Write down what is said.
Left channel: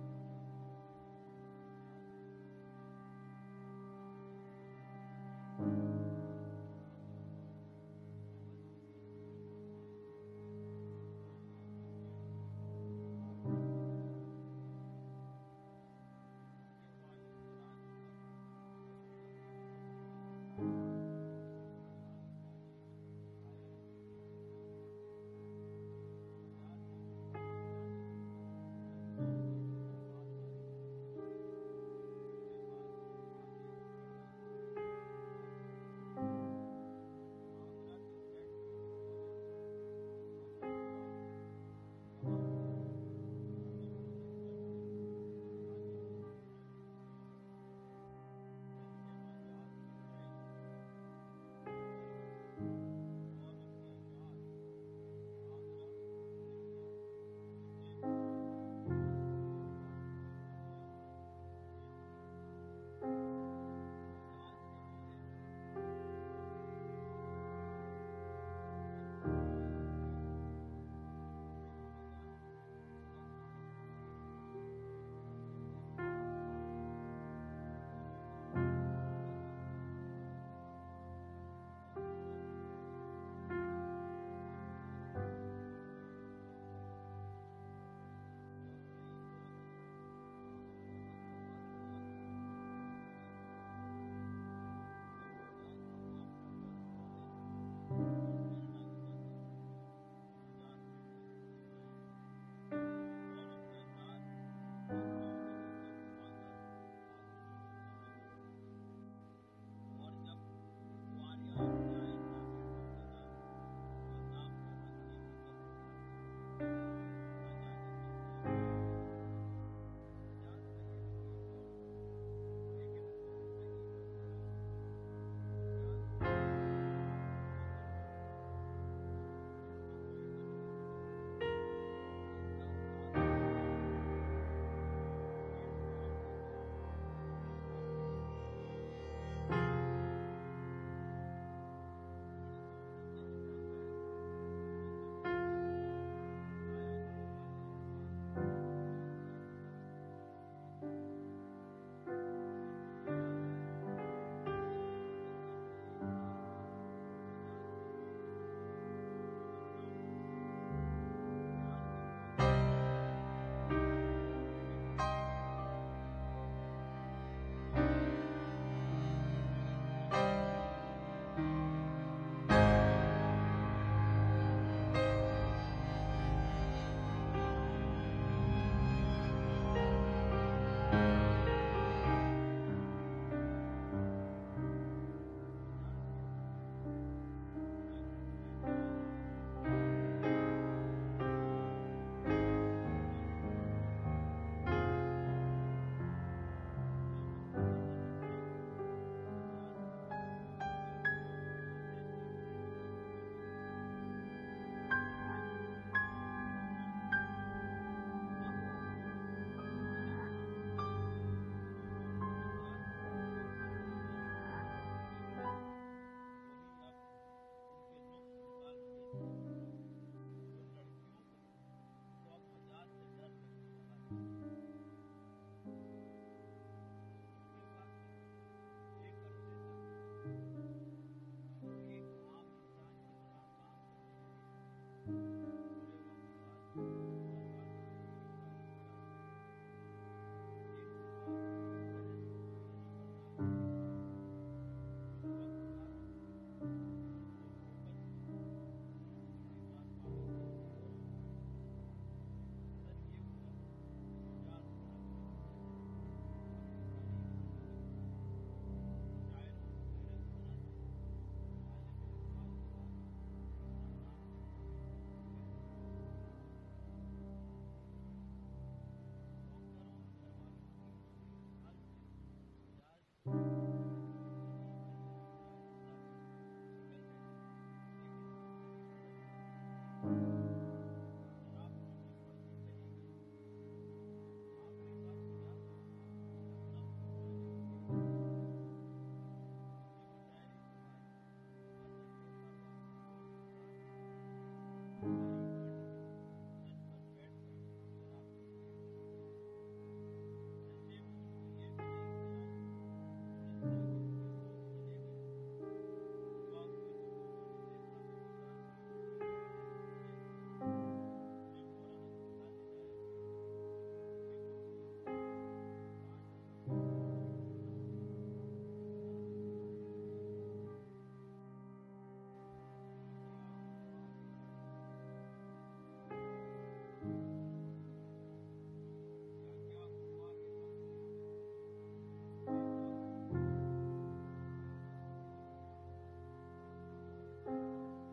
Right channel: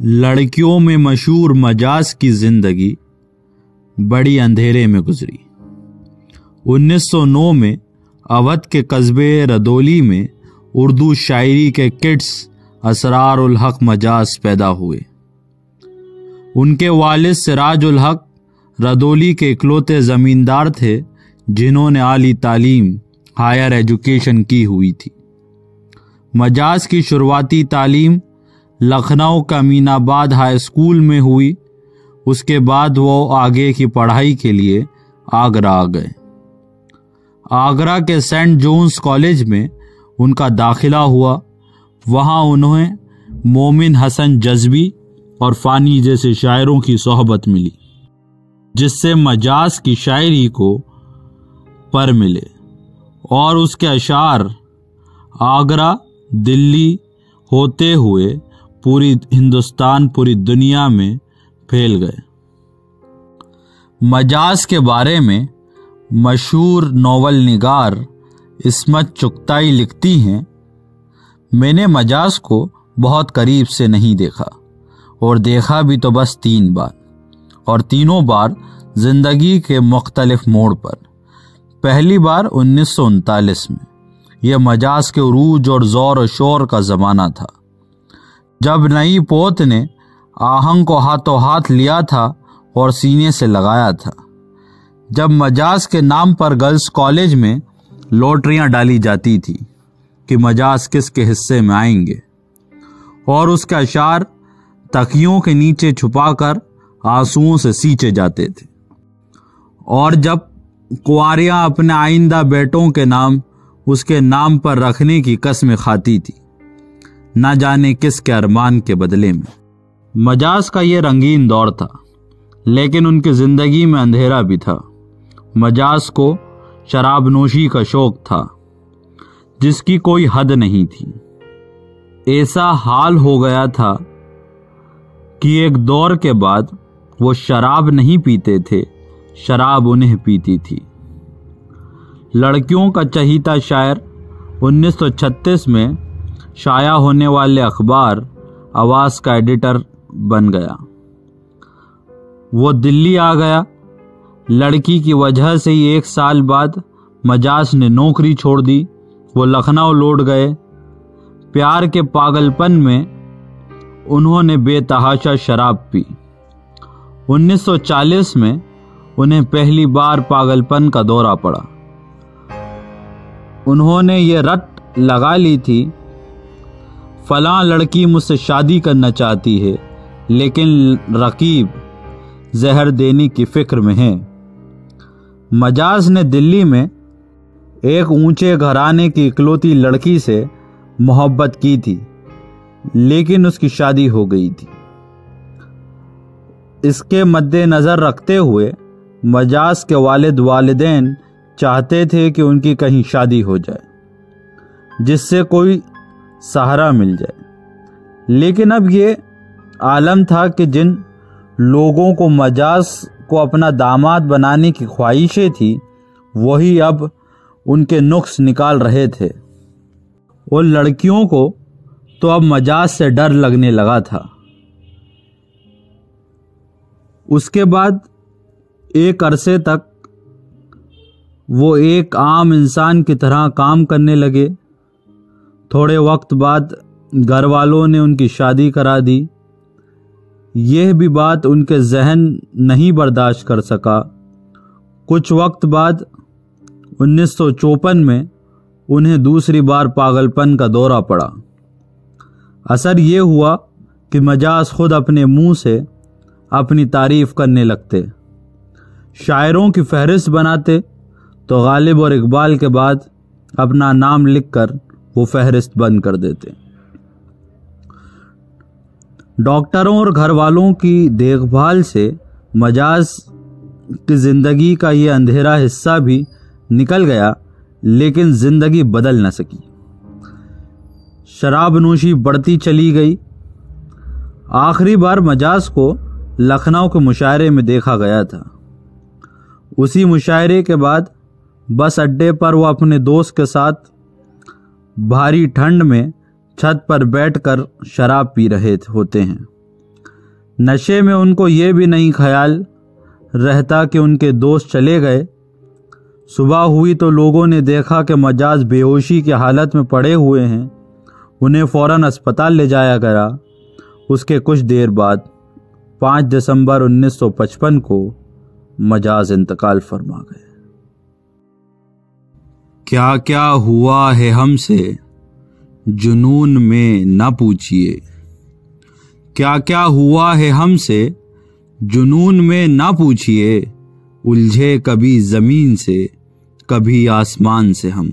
لڑکیوں میں مشہور مجاز کی زندگی بڑی اندھیرے میں گزری۔ 1909 میں اودھ کے قصبے ردولی میں اردو شاعری کے کڈس اسرار الحق مجاز پیدا ہوئے۔ ان کے والد سراج الحق ردولی کے اکلوتے زمیندار تھے جنہوں نے اعلی تعلیم ہائر ایجوکیشن کی ہوئی تھی۔ مجاز کی شروعاتی تعلیم لکھنؤ کا امین آباد ہائی اسکول میں ہوئی۔ اس کے بعد وہ آگے کی پڑھائی کے لیے آگرہ آ گئے۔ آگرہ کے سینٹ جونز کالج میں ان کا داخلہ ہوا۔ وہاں انہیں مومن حسن جذبی اور فانی جیسے شاعروں کی صحبت ملی، جس سے مجاز کی شاعری کو پر ملے اور اس کے اشعار آگرہ، دلی ہوتے ہوئے پوری ہندوستان، پوری دنیا میں پھیل گئے۔ مجاز کے بارے میں مشہور ناول نگار عصمت چغتائی لکھتی ہیں، میں نے مجاز کو بہت قریب سے نہیں دیکھا، اور دیکھا بھی تو بس 3 بار، اور تینوں بار زندگی کے مختلف موڑ پر۔ پہلی بار 1939 میں، یہ مجاز کے عروج اور زور و شور کا زمانہ تھا، جب نئی پوت نے آہنگ کو ہاتھوں ہاتھ لیا تھا اور سینے سے لگایا تھا، جب مجاز کے نام پر گرلز کالج میں لوٹریاں ڈالی جاتی تھی کہ مجاز کس کے حصے میں آئیں گے، اور اس کے اشعار تکیوں کے نیچے چھپا کر آنسوؤں سے سینچے جاتے تھے، اور جب کنواریاں اپنے آئندہ بیٹوں کے نام اس کے نام پر رکھنے کی قسم کھاتی تھی، نہ جانے کس کے ارمان کے بدلے میں۔ مجاز کا یہ رنگین دور تھا، لیکن ان کی زندگی میں اندھیرا بھی تھا۔ مجاز کو شراب نوشی کا شوق تھا جس کی کوئی حد نہیں تھی۔ ایسا حال ہو گیا تھا کہ ایک دور کے بعد وہ شراب نہیں پیتے تھے، شراب انہیں پیتی تھی۔ لڑکیوں کا چہیتا شاعر 1936 میں شائع ہونے والے اخبار آواز کا ایڈیٹر بن گیا۔ وہ دلی آ گیا۔ لڑکی کی وجہ سے ہی 1 سال بعد مجاز نے نوکری چھوڑ دی۔ وہ لکھنؤ لوٹ گئے۔ پیار کے پاگل پن میں انہوں نے بے تحاشا شراب پی۔ 1940 میں انہیں پہلی بار پاگل پن کا دورہ پڑا۔ انہوں نے یہ رٹ لگا لی تھی، فلاں لڑکی مجھ سے شادی کرنا چاہتی ہے، لیکن رقیب زہر دینے کی فکر میں ہے۔ مجاز نے دلی میں ایک اونچے گھرانے کی اکلوتی لڑکی سے محبت کی تھی، لیکن اس کی شادی ہو گئی تھی۔ اس کے مد نظر رکھتے ہوئے مجاز کے والدین چاہتے تھے کہ ان کی کہیں شادی ہو جائے جس سے کوئی سہارا مل جائے، لیکن اب یہ عالم تھا کہ جن لوگوں کو مجاز کو اپنا داماد بنانے کی خواہشیں تھی، وہی اب ان کے نقص نکال رہے تھے، اور لڑکیوں کو تو اب مجاز سے ڈر لگنے لگا تھا۔ اس کے بعد ایک عرصے تک وہ ایک عام انسان کی طرح کام کرنے لگے۔ تھوڑے وقت بعد گھر والوں نے ان کی شادی کرا دی۔ یہ بھی بات ان کے ذہن نہیں برداشت کر سکا۔ کچھ وقت بعد 1954 میں انہیں دوسری بار پاگل پن کا دورہ پڑا۔ اثر یہ ہوا کہ مجاز خود اپنے منہ سے اپنی تعریف کرنے لگتے، شاعروں کی فہرست بناتے تو غالب اور اقبال کے بعد اپنا نام لکھ کر وہ فہرست بند کر دیتے۔ ڈاکٹروں اور گھر والوں کی دیکھ بھال سے مجاز کی زندگی کا یہ اندھیرا حصہ بھی نکل گیا، لیکن زندگی بدل نہ سکی۔ شراب نوشی بڑھتی چلی گئی۔ آخری بار مجاز کو لکھنؤ کے مشاعرے میں دیکھا گیا تھا۔ اسی مشاعرے کے بعد بس اڈے پر وہ اپنے دوست کے ساتھ بھاری ٹھنڈ میں چھت پر بیٹھ کر شراب پی رہے ہوتے ہیں۔ نشے میں ان کو یہ بھی نہیں خیال رہتا کہ ان کے دوست چلے گئے۔ صبح ہوئی تو لوگوں نے دیکھا کہ مجاز بے ہوشی کی حالت میں پڑے ہوئے ہیں۔ انہیں فوراً اسپتال لے جایا گیا۔ اس کے کچھ دیر بعد 5 دسمبر 1955 کو مجاز انتقال فرما گئے۔ کیا کیا ہوا ہے ہم سے جنون میں نہ پوچھئے، کیا کیا ہوا ہے ہم سے جنون میں نہ پوچھئے، الجھے کبھی زمین سے کبھی آسمان سے ہم۔